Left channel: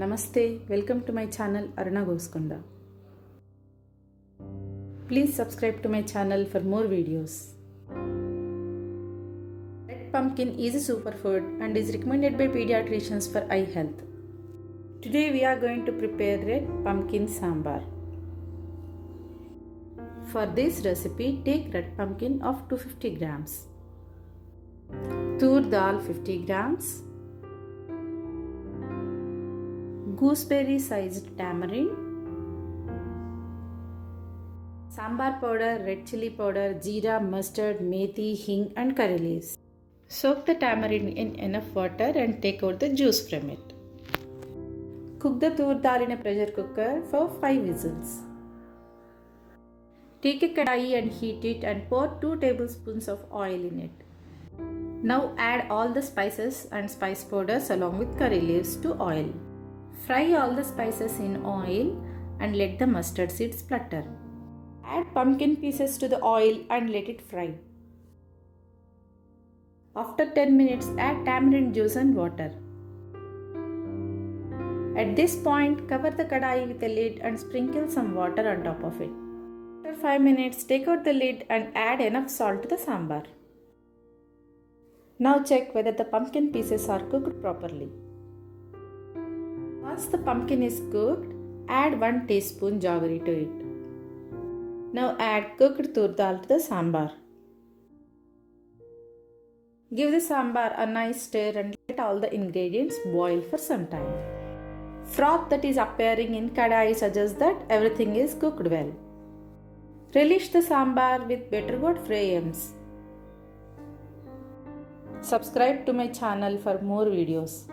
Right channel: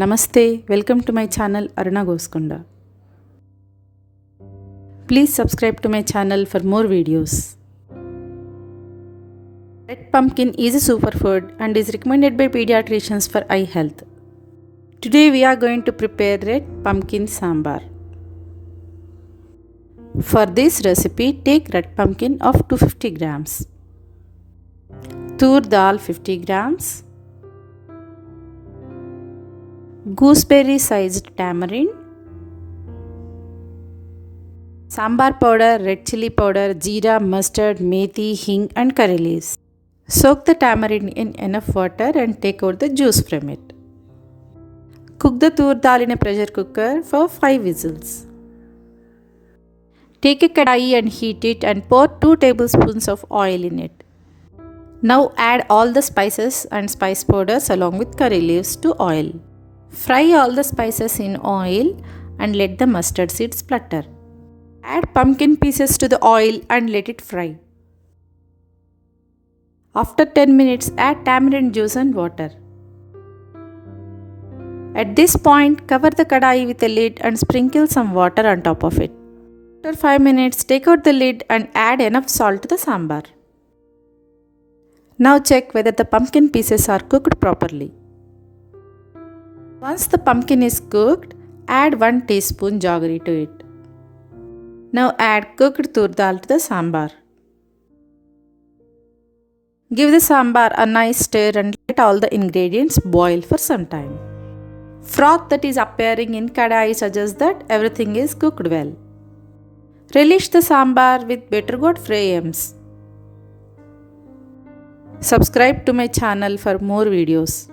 Namaste, welcome to my channel Aruna Gosukonda. Please subscribe to my channel for more videos. Red pumpkin is a superfood and is recommended by pediatricians for eye health. Today we are going to prepare red pumpkin sambar. For this recipe, take red pumpkin of 250 grams, Toor dal 50 grams, gooseberry sized tamarind, sambar powder, red chilli powder, jeera, mustard, methi, hing and curry leaves. Soak the tamarind in enough water and take out the juice from it. Cook the toor dal in a pressure cooker for 5 whistles. Take a kadai and heat it and pour 2 tablespoons of oil in it. Now add all the spices and spice powders along with curry leaves to oil. Fry all the spices in oil and let the mustard seeds splutter. Add pumpkin pieces to the oil and let it fry. After 10 minutes, add tamarind juice and water. At this point, cover the kadai with a lid and sprinkle some water on top of it. After 5 minutes, take out the lid and add enough salt to the sambar. Now check whether the pumpkin pieces are cooked properly. Once the pumpkin is cooked, add 1 teaspoon jaggery to it. Now add cooked toor dal to the sambar. Give the sambar a nice stir and let all the ingredients boil for some time. Froth that is appearing in kadai suggests that everything is cooked well. Relish the sambar with bitter gourd frames. Subscribe to my channel for more videos.